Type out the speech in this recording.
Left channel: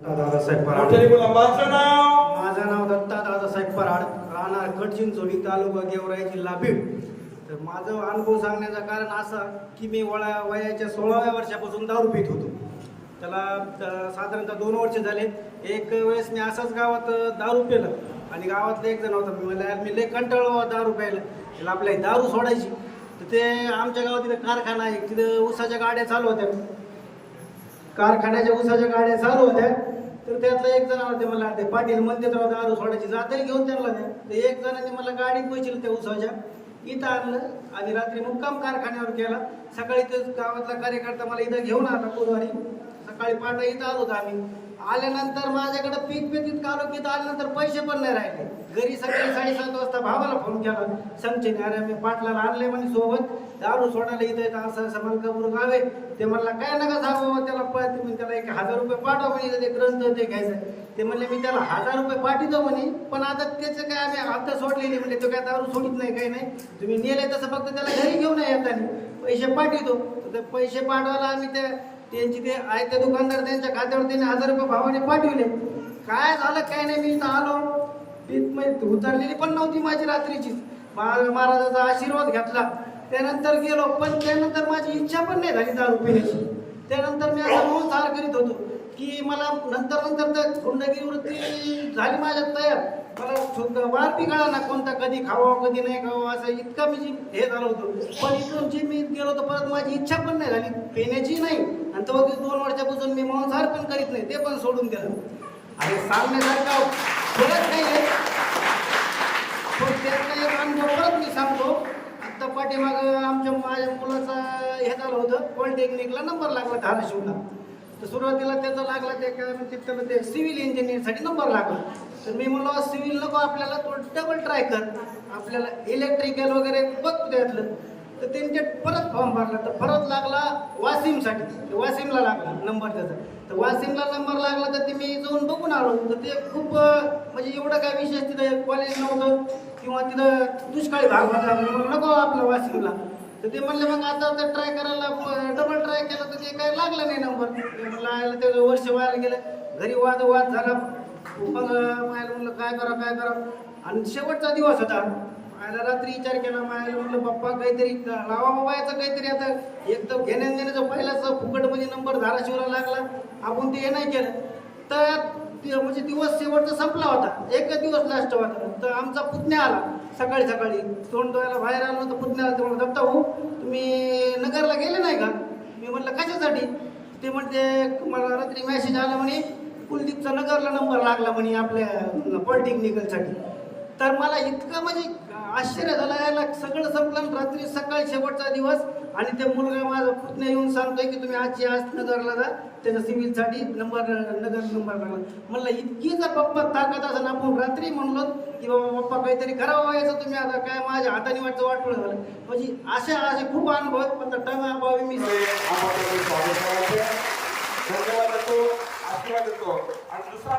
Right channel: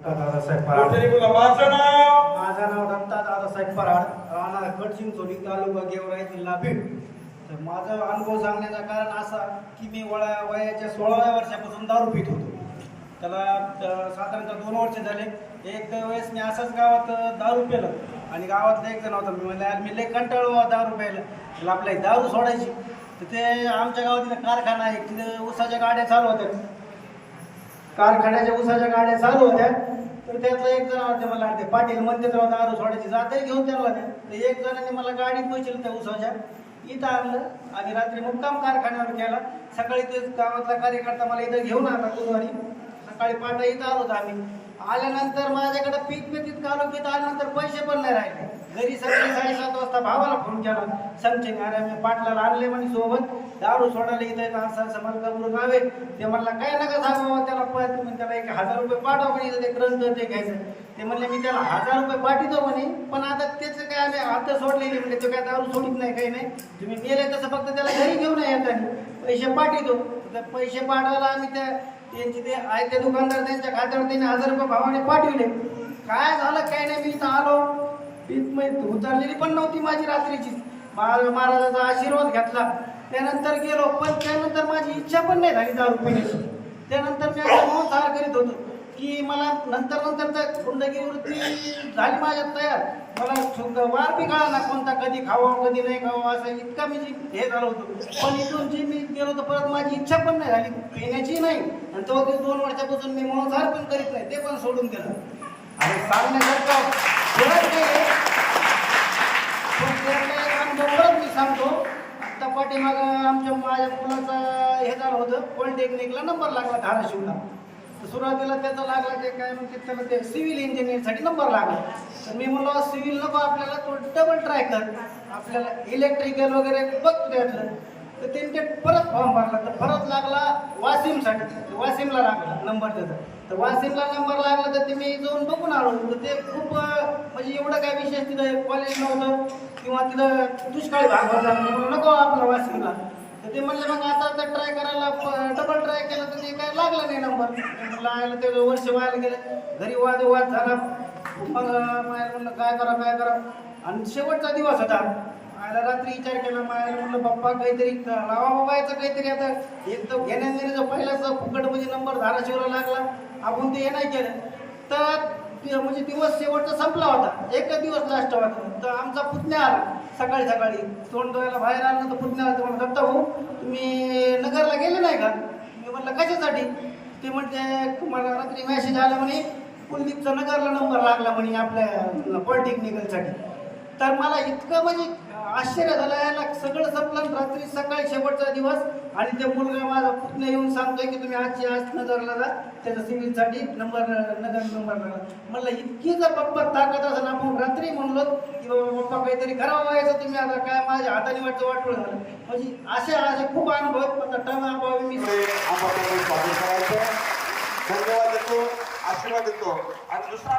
दादासाहेब पराड. माझं नाव दत्ता दादासाहेब पराड, राहणार कडचिंचोली, तालुका गेवराई, जिल्हा बीड. तर माझं अनुभव सांगण्याचं कारण असा की मी वयाच्या 16व्या वर्षापासून दारू पित होतो. त्याला साधारणतः 2 वर्ष झाले. एक वेळेस मी असाच गावात दारू पिलं आणि गावातलं एक जण होता. मी म्हणलं यार मी लय कंटाळलो दारू प्यायला, त्याला आपल्या दारू सोडायची. तर ते आमच्या गावात तिथं कारखाना आहे, तिथं ऊसाच्या गाड्या चालू होत्या, कारखान्याच्या ऊसाच्या गाड्या चालू होत्या. तर त्यातला एक जण होते, मला ते पाटील म्हणते तर दारू सोडायची, जाते घेऊन त्यांना द्या. तर एक जणाने मला गाडी पोहोचली त्या ऊसाच्या, इथं आणलं आणि रात्री मुक्काम कारखान्यावर केला. सकाळी ते गावातला कार्यकर्ता मला इथं घेऊन आला गुरुवारी. सकाळी पाटा इथं आलो होतो आम्ही. आल्यानंतर माझ्याकडे पीत आलो, पीत आल्यानंतर पैसे पण नाही राहिले. घरी सकाळी 7:30 वाजता भावाला फोन केला संचेने, अरे मी पाटलाला आणले म्हणे सोबत दारू सोडायला इथं असं असं मलकापूर गाव आहे. ते म्हणला काय नका सांगू त्याला, त्याला 1000 रुपये पाठवा म्हणे, ते ग्रंथ ते घ्यायचं. ते म्हणले मी त्याला 1000 रुपये पाठवतो म्हणे, पण आता त्याचं काय आम्ही आता सोडलेली म्हणजे ते काय दारू सोडित नाही, काही नाही. तुम्ही नेले तसं फक्त त्याला घरी घेऊन येतात, पैसे पाठवतो. तर पैसे पाठवायला आम्ही त्यांची ते आहे ते दुकानदार त्यांच्या खात्यावर त्यांनी 1000 रुपये भावाने पाठवले. काय झालं काय नाही, मी इथं आलो, पीत उतरलेली पण नव्हती माझी रात्रीची. महाराजाचा आशीर्वाद घेतला, त्यानंतर गेलो. पण त्यानंतर माझी इच्छा पण नाही झाली दारू पिण्याची. त्यानंतर मी असं मांसाहार करीत होतो की मला नंतर तर गुंडगिरी वृत्ती झाली माझ्यात तयार. मला वार बी कळा ना कोणता, कधी खावा कधी नाही खावा, असं इतका मी हे झालं होतं. पण इथून जे मी गेलो होतो परत माझी इच्छा पण नाही झाली पिण्याची नाही. आणि तो 2 वर्षापासून मी मांसाहार पण करीत नाही, ते पण सोडून दिलं. आणि सांगण्यासारखं काही आहे, पण त्यातला एक अनुभव परत मी सांगतो. आत्ता पाठीमागं माझ्या मुलाचा हे झालं होतं, पॉलिटेक्निकला नंबर लागला धाराशिवला. तर सुरुवातीला त्याचा लागला ते काय म्हणते त्याला, ते सिव्हिल इंजिनिअरिंगसाठी नंबर लागला. तर मी म्हणलो सिव्हिल नको आपल्याला, तो डबल ट्राय कर, आपल्याला इलेक्ट्रिकल वगैरे बघ त्यातलं. तर त्यांनी परत फॉर्म भरला, तर परत लागला वाशिमसाठी. वाशिमला लागला नंबर त्याचा. तर वाशिमला नंबर लागला तर ते मी जाऊन बघून आलो. तर ते खूप म्हणजे एवढं काय विशेष तिथं कॉलेज नव्हतं किंवा तिथं दुष्काळी भाग होता, नको आपला वाशिमला. तर ते म्हणले मग आता ते ट्राय करायला डबल ट्राय केलं तर ते काही लागलं नाही नंबर. म्हणलं ते वर्ष व्हायला गेलं, घरी वाद झाला. मग मायला म्हणलं काय करा. आणि शेवटचा दिवस होता. मायला रात्री विचार केला, मायला म्हणलं बाप्पा काहीतरी लावा बाबायचं काहीतरी. आता एक तर घेण्याचं पहिल्याच फुकटमध्ये नंबर धाराशिवला लागला, आपण ते हे नाही केलं. तर म्हणजे दिवस शेवटचा संपला होता, एकच दिवस लास्ट होता. तर आमचा पुतण्या आला सकाळी तोंड डोळ्याला बाहेर आला. तर पुतण्या आला, तर म्हणलं दत्ता भाऊ तुम्ही नगरला गेले नाही का? मी म्हटलं कशासाठी? ते म्हणते मला रात्री मॅसेज आला म्हणे कुलदीपचा नगरला नंबर लागला म्हणे आपल्या पॉलिटेक्निकलसाठी. तर मला इतकं म्हणजे आश्चर्य झालं, यायला सगळं संपलं. रात्री सकाळी शेवटचा दिवस आणि त्या मुलगा माझा पुतण्या येऊन सांगतोय की तुम्ही आज नगरला जा, त्याचा सिव्हिलसाठी नंबर लागला. म्हणलं इतकी जर बाप्पा ताकद असं आपण रात्री म्हणलो की बाबा बाप्पा काहीतरी करावं व्हायचं, तुम्ही आता काय माझ्या हाताने वाटोळ झालं. म्हणजे असे खूप अनुभव आहेत. आता टाइम अभावी मी आशीर्वाद देतो आणि दुसरा